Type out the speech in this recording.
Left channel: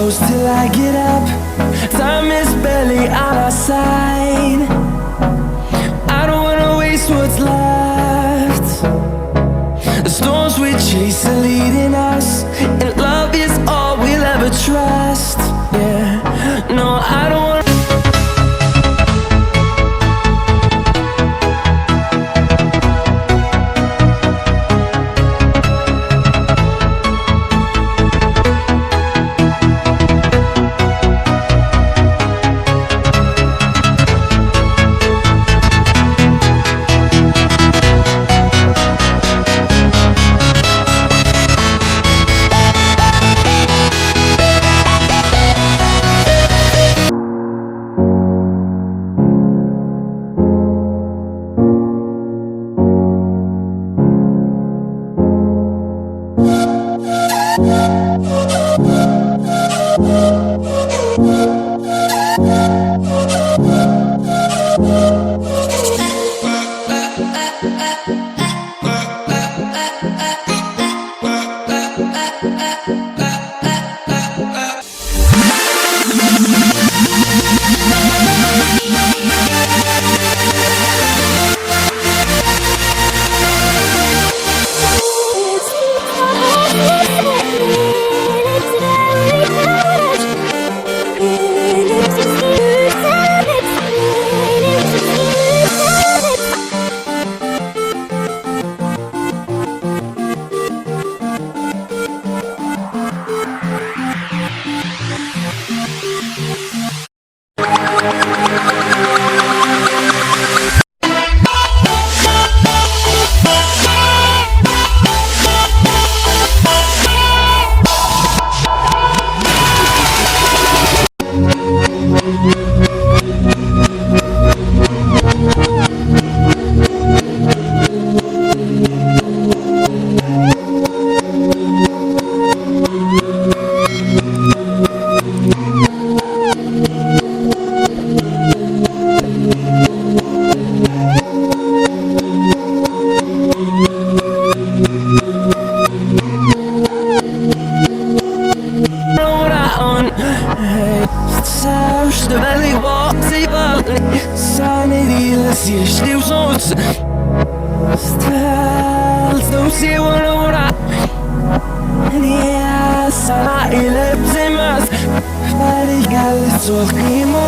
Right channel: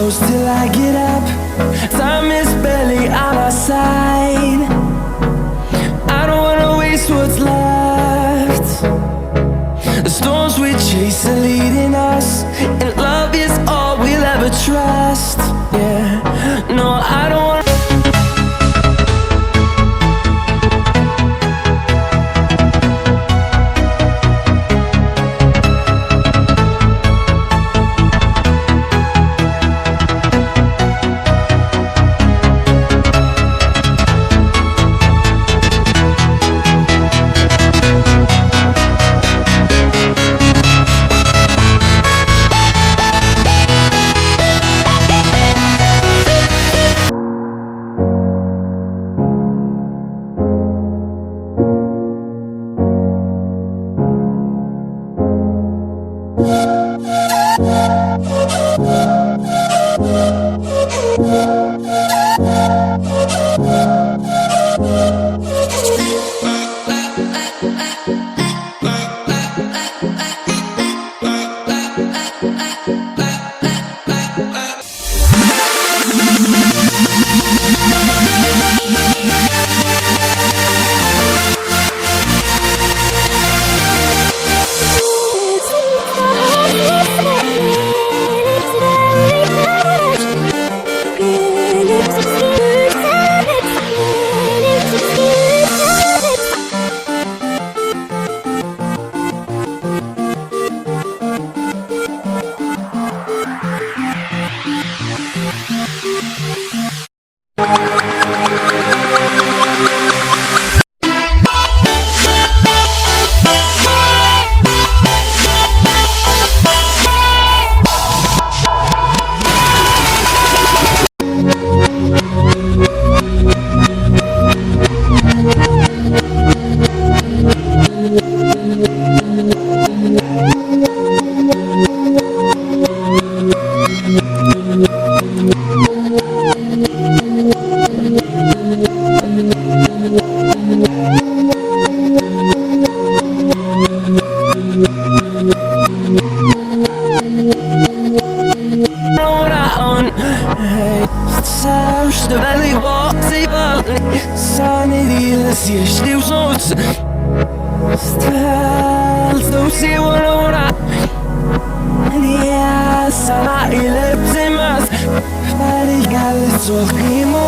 close till I get up. Time is barely on our side. I don't wanna waste what's left. The storms we chase are leading us, and love is all we'll ever trust. Yeah, no, I don't wanna. Veldig vanlig saneriles jeśli wrzuc Stelzą się łora Nie sama ile bzymas Farigale co klimu